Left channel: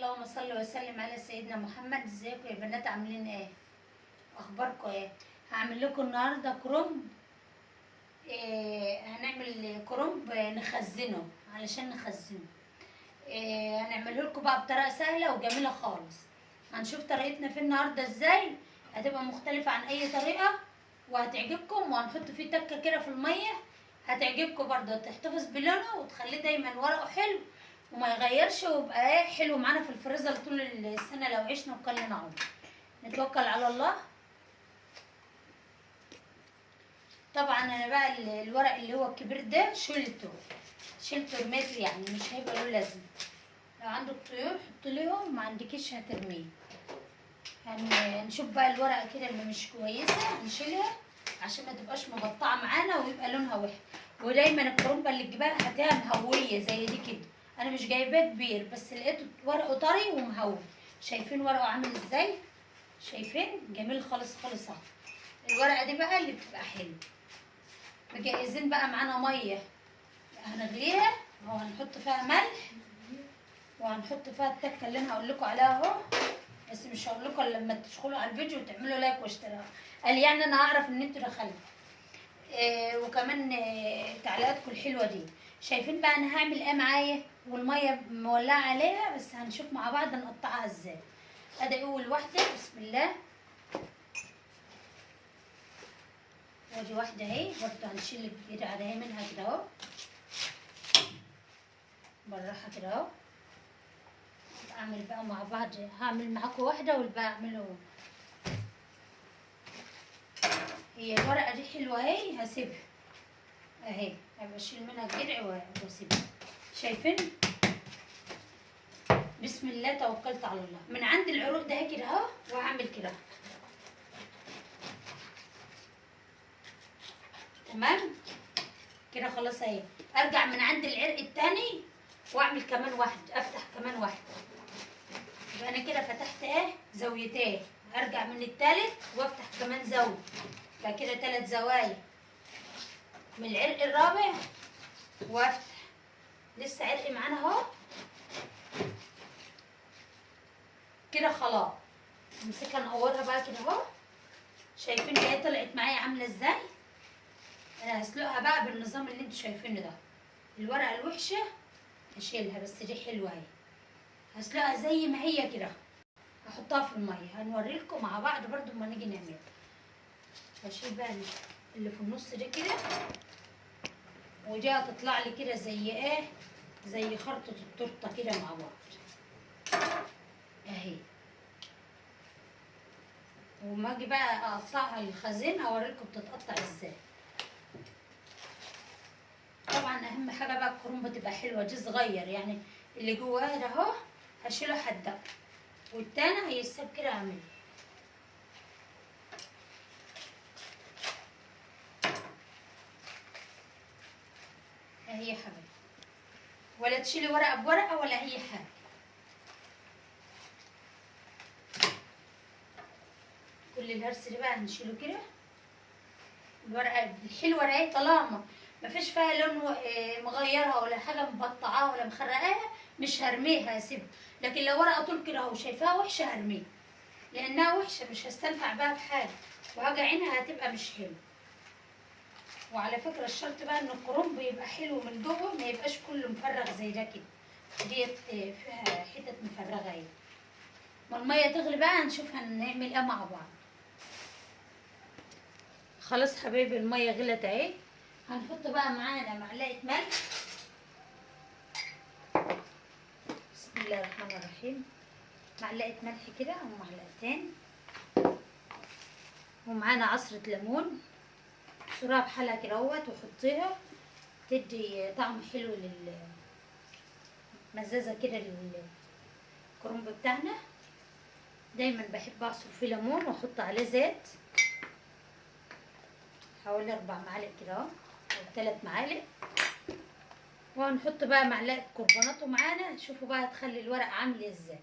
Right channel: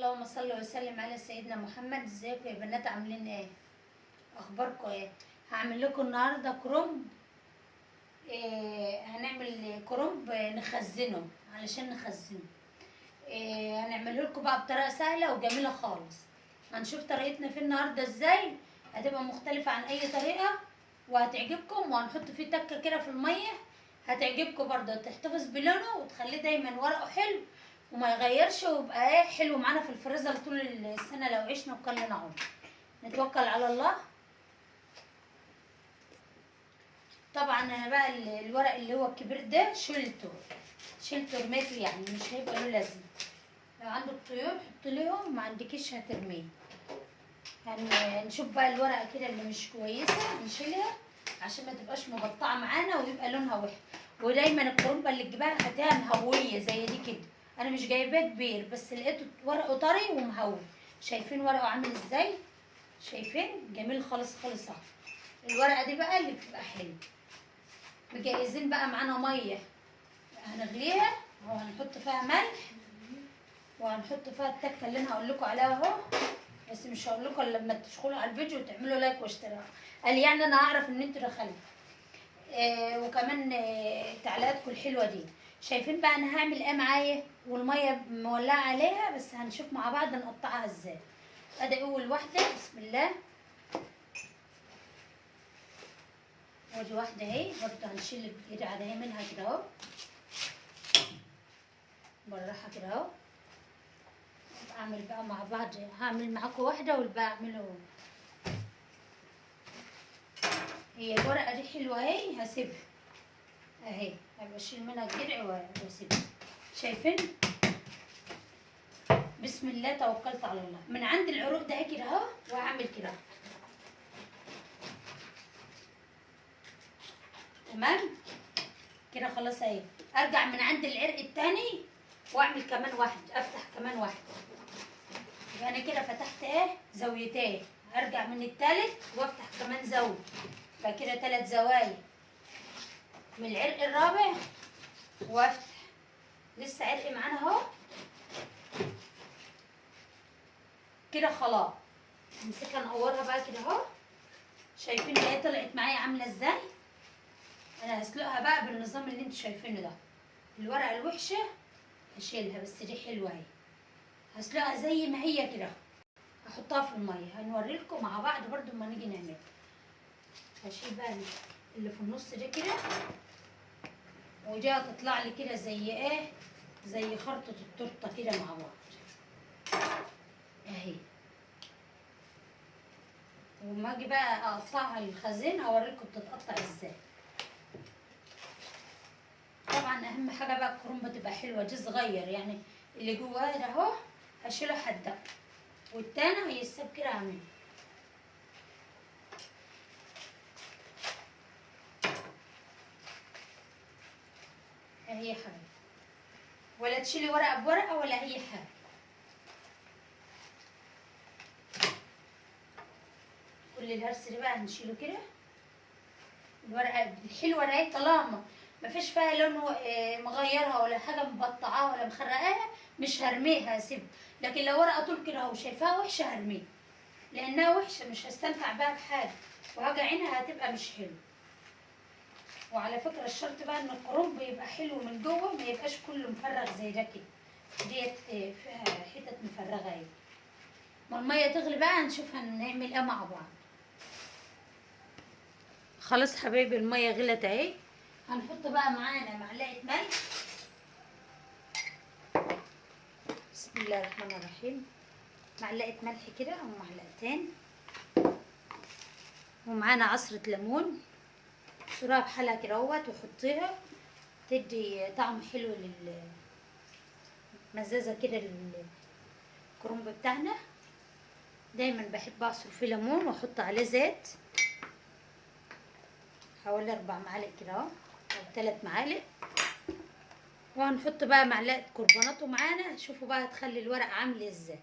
اللهم صل وسلم على سيدنا محمد. ازيكم يا بنات؟ عاملين ايه؟ اخباركم ايه؟ هعمل لكم النهارده كرنب. هنعمل كرنب نخزنه علشان نخزنه. هنعمله لكم بقى بطريقه سهله وجميله خالص. هنشوف طريقتنا فيه النهارده ازاي، هتبقى مختلفه عن اي طريقه وهتعجبكم. وهنحط فيه تكه كده في الميه هتعجبكم برضه، تحتفظ بلونه وتخليه دايما ورقه حلو وما يغيرش، ويبقى ايه حلو معانا في الفريزر طول السنه لو عشنا وكلنا عمر. نتوكل على الله. طبعا انا بقى الورق اللي هو الكبير ده شلته رميته، يعني مش هيبقى له لازمه. لو عندك طيور حط لهم، ما عندكيش هترميه. يعني نشوف بقى الورقه كده اللي مش كويسه نشيلها عشان ما تبقاش مقطعه معانا ويبقى لونها وحش. ودايما الكرنبه اللي تجيبها هاتها مهويه زي دي كده. انا مش جايباه كبير بس لقيته ورقه طري ومهوي. شايفين ورقه عامل ازاي؟ شايفين؟ جميل خالص خالص اهو. الورقه دي بقى اللي بتبقى حلوه. مجهزين بقى معانا ميه هنغليها وهنحط فيها ملح وهنحط فيها التكه اللي انا هقول لكم عليها اهو، بس مش هقول لكم الا لما تدخلوا على الفيديو وتعملوا لايك واشتراك. قال يعني انا هعرف ان انتوا دخلتوا. وكمان تعليقاتكم الحلوه دي. شايفين بقى انا هعمل ايه معايا؟ والميه مولعه عليها، بس هنشوف مع بعض نقطعها ازاي. ادي اول واحده، بسم الله. ودي واحده اهي برضه هنشيل كتير عليها منها كده اهو، بالراحه كده اهو. اعمل بقى مع بعض، هعمل معاكم واحده والباقي اعمله. هي الورقه دي حلوه اهي، هسيبها اهي، هبقى اشيل منها الجرع واسيبها. شايفين؟ بسم الله توكلت على الله. من عند العروق ده كده اهو واعمل كده تمام كده خلاص اهي. ارجع من عند العرق التاني واعمل كمان واحد، افتح كمان واحد. يبقى انا كده فتحت ايه زاويتين. ارجع من التالت وافتح كمان زاويه، يبقى كده 3 زوايا. من العرق الرابع وافتح، لسه عرق معانا اهو كده خلاص. امسكها نقورها بقى كده اهو. شايفين هي طلعت معايا عامله ازاي؟ انا هسلقها بقى بالنظام اللي انتوا شايفينه ده. الورقه الوحشه هشيلها، بس دي حلوه اهي. هسلقها زي ما هي كده، هحطها في الميه. هنوريلكم مع بعض برضو اما نيجي نعملها. هشيل بقى اللي في النص ده كده، ودي هتطلع لي كده زي ايه، زي خرطه التورته كده مع بعض اهي. وما اجي بقى اقطعها للخزين هوريلكم بتتقطع ازاي. طبعا اهم حاجه بقى الكرنبه تبقى حلوه. دي صغير يعني، اللي جواها ده اهو هشيله حده، والتاني هيساب كده اعمله. اهي يا حبيبي، ولا تشيلي ورقه بورقه ولا اي حاجه. كل الهرس ده بقى هنشيله كده. الورقه الحلوه دي طالما مفيش فيها لون مغيرها ولا حاجه مبطعاها ولا مخرقاها مش هرميها، هسيبها. لكن لو ورقه طول كده اهو شايفاها وحشه هرميها، لانها وحشه مش هستنفع بها بحاجه، وهاجي عينها هتبقى مش حلوه. وعلى فكره الشرط بقى ان الكرنب يبقى حلو من جوه، ما يبقاش كله مفرغ زي ده كده. ديت فيها حتت مفرغه اهي. ما الميه تغلي بقى هنشوف هنعمل ايه مع بعض. خلاص حبايبي الميه غلت اهي. هنحط بقى معانا معلقه ملح. بسم الله الرحمن الرحيم. معلقه ملح كده او معلقتين، ومعانا عصره ليمون. سرها بحالها كده اهوت وحطيها، تدي طعم حلو مزازه كده للكرنب بتاعنا. دايما بحب اعصر فيه ليمون واحط عليه زيت حوالي 4 معالق كده اهو او 3 معالق. وهنحط بقى معلقه كربوناتو معانا. شوفوا بقى هتخلي الورقه عامله ازاي،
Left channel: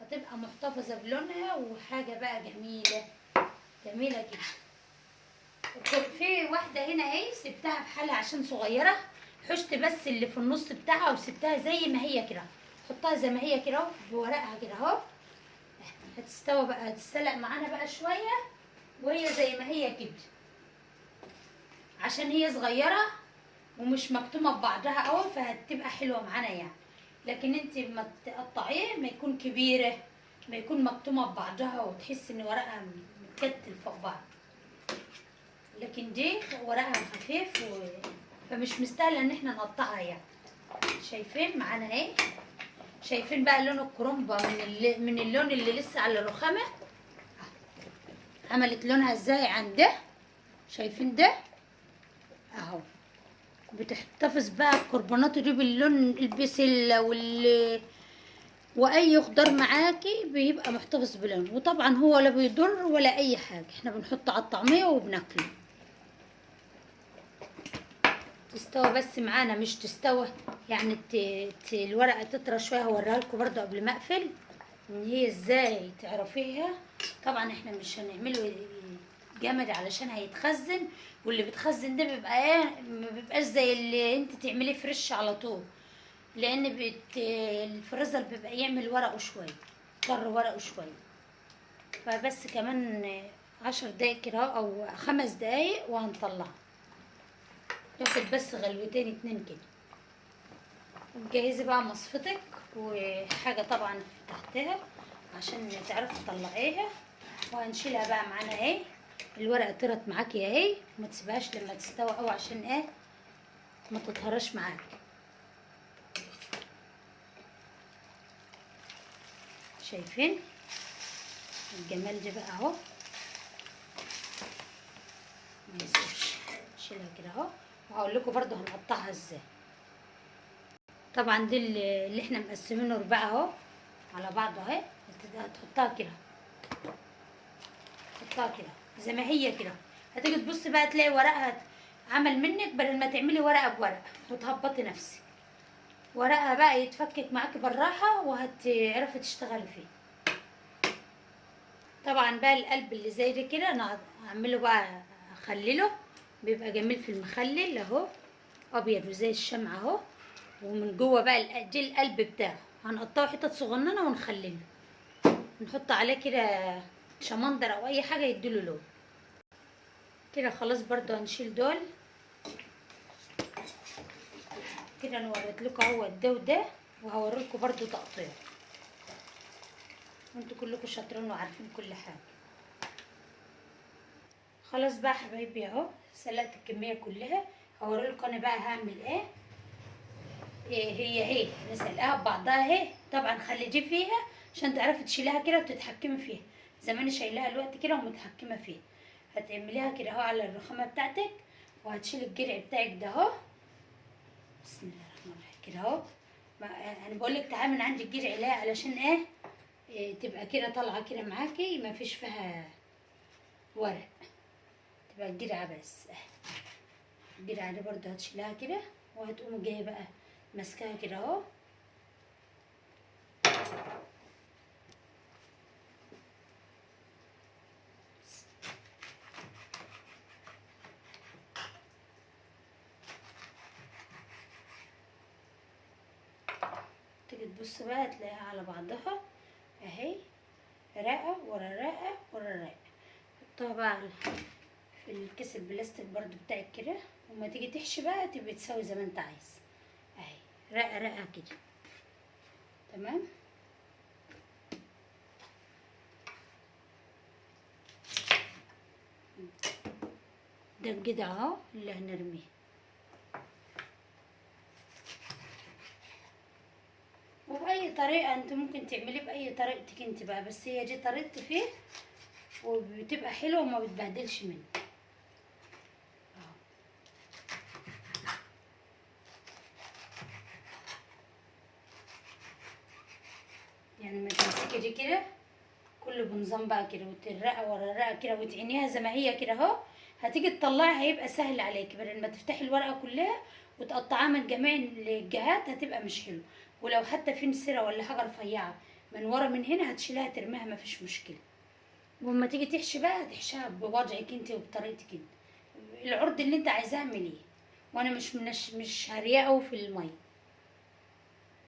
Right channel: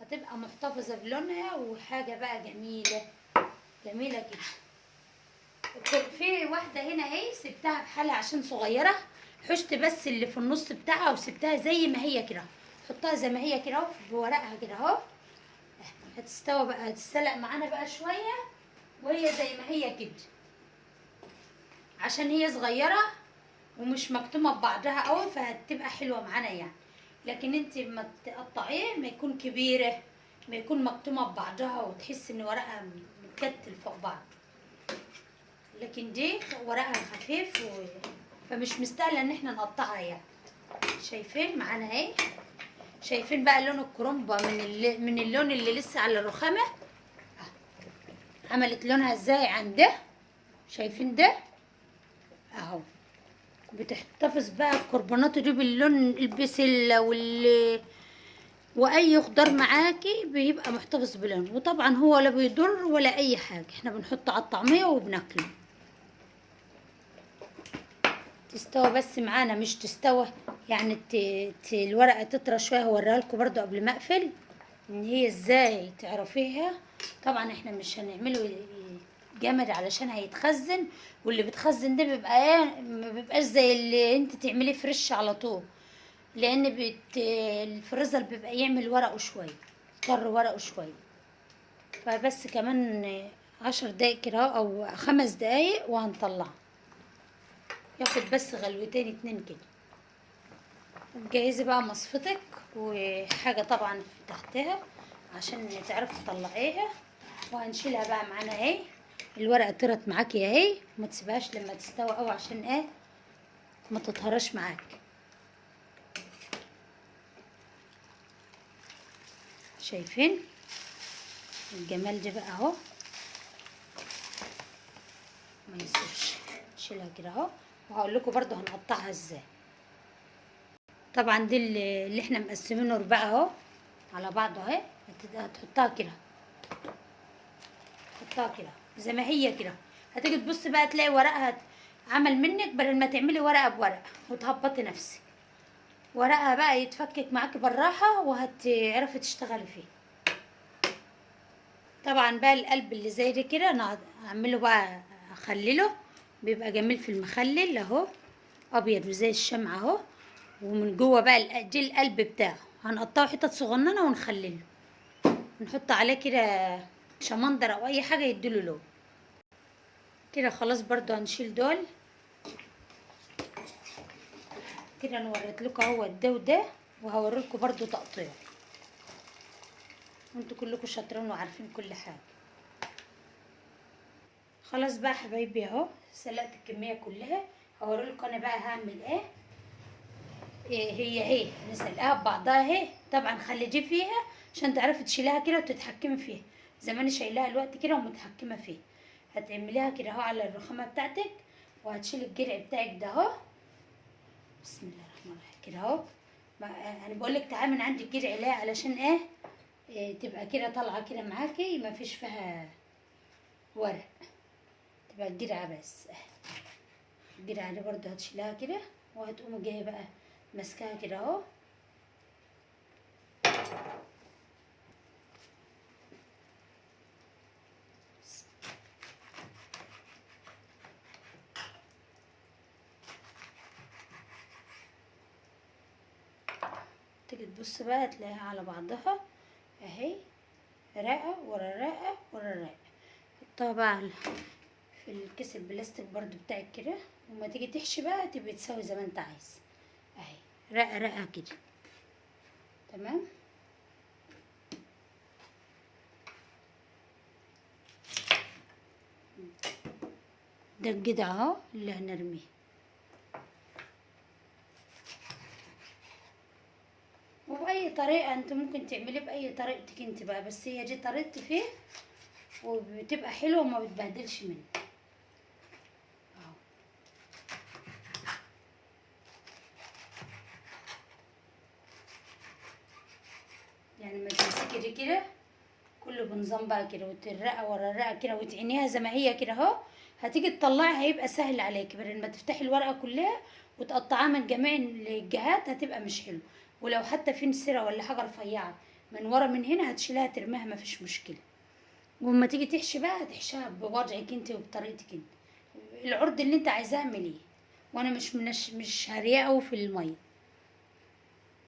هتبقى محتفظه بلونها وحاجه بقى جميله جميله جدا. في واحده هنا اهي سبتها بحالها عشان صغيره، حشت بس اللي في النص بتاعها وسبتها زي ما هي كده. حطها زي ما هي كده اهو بورقها كده اهو. هتستوى بقى، هتتسلق معانا بقى شويه وهي زي ما هي كده، عشان هي صغيره ومش مكتومه ببعضها قوي فهتبقى حلوه معانا يعني. لكن انت ما تقطعيه ما يكون كبيره، ما يكون مكتومه ببعضها وتحس ان ورقها متكتل فوق بعض. لكن دي ورقها خفيف فمش مستاهله ان احنا نقطعها يعني. شايفين معانا اهي، شايفين بقى لون الكرنبه من اللون اللي لسه على الرخامه عملت لونها ازاي عن ده. شايفين ده اهو. بتحتفظ بقى الكربونات دي باللون البسله واي خضار معاكي بيبقى محتفظ بلونه. وطبعا هو لا بيضر ولا اي حاجه، احنا بنحطه على الطعميه وبناكله. تستوى بس معانا مش تستوى يعني الورقه تطرى شويه. هوريها لكم برده قبل ما اقفل ان هي ازاي تعرفيها. طبعا احنا مش هنعمله جامد علشان هيتخزن، واللي بتخزن ده بيبقى ايه، ما بيبقاش زي اللي انت تعمليه فريش على طول، لان الفريزر بيبقى يعمل ورقه شويه، يضطر ورقه شويه. فبس كمان 10 دقايق كده او 5 دقايق وهنطلعه، ياخد بس غلوتين 2 كده. جهزي بقى مصفتك وحاجه طبعا تحتها عشان تعرفي تطلعيها. وهنشيلها بقى معانا اهي. الورقه طرت معاكي اهي، ما تسيبهاش لما تستوي قوي عشان ايه ما تتهرش معاكي. شايفين الجمال ده بقى اهو. ما يسيبش، شيلها كده اهو. وهقول لكم برده هنقطعها ازاي. طبعا دي اللي احنا مقسمينه ربع اهو على بعضه اهي. هتحطها كده، تحطها كده زي ما هي كده. هتيجي تبص بقى تلاقي ورقها عمل منك، بدل ما تعملي ورقه بورقه وتهبطي نفسك، ورقها بقى يتفكك معاكي بالراحه وهتعرفي تشتغلي فيه. طبعا بقى القلب اللي زي ده كده انا هعمله بقى، اخلله بيبقى جميل في المخلل اهو، ابيض وزي الشمعة اهو. ومن جوه بقى دي القلب بتاعه هنقطعه حتت صغننه ونخلله، نحط عليه كده شمندر او اي حاجه يديله لون كده. خلاص برضو هنشيل دول كده. انا وريت لكم اهو ده وده، وهوريلكم برضو تقطيع. انتوا كلكم شاطرين وعارفين كل حاجه. خلاص بقى حبايبي اهو سلقت الكميه كلها. هوريلكم انا بقى هعمل ايه. هي نسلقها ببعضها اهي. طبعا خلي دي فيها عشان تعرفي تشيلها كده وتتحكمي فيها زي ما انا شايلاها الوقت كده ومتحكمه فيها. هتعمليها كده اهو على الرخامه بتاعتك، وهتشيلي الجرع بتاعك ده اهو. بسم الله الرحمن الرحيم كده اهو. انا بقول لك تعالي من عند الجرع ليه، علشان ايه تبقى كده طالعه كده معاكي ما فيش فيها ورق، تبقى الجرعه بس. الجرعه دي برده هتشيلها كده، وهتقوم جايه بقى ماسكاها كده اهو. تيجي تبص بقى تلاقيها على بعضها اهي، رقه ورا رقه ورا رقه. حطها بقى في الكيس البلاستيك برضو بتاعك كده، وما تيجي تحشي بقى تبقى تسوي زي ما انت عايز اهي، رقه رقه كده. تمام. ده الجدع اهو اللي هنرميه. وبأي طريقة انت ممكن تعمليه بأي طريقتك انت بقى، بس هي دي طريقتي فيه وبتبقى حلوة وما بتبهدلش منك. يعني ما تمسكي دي كده كله بنظام بقى كده، وترقه ورا الرقه كده وتعينيها زي ما هي كده اهو. هتيجي تطلعي هيبقى سهل عليكي، بدل ما تفتحي الورقه كلها وتقطعيها من جميع الجهات هتبقى مش حلو. ولو حتى في نسيره ولا حاجه رفيعه من ورا من هنا هتشيلها ترميها ما فيش مشكله. ولما تيجي تحشي بقى هتحشيها بوضعك انت وبطريقتك انت، العرض اللي انت عايزاه اعمليه. وانا مش هريقه في الميه.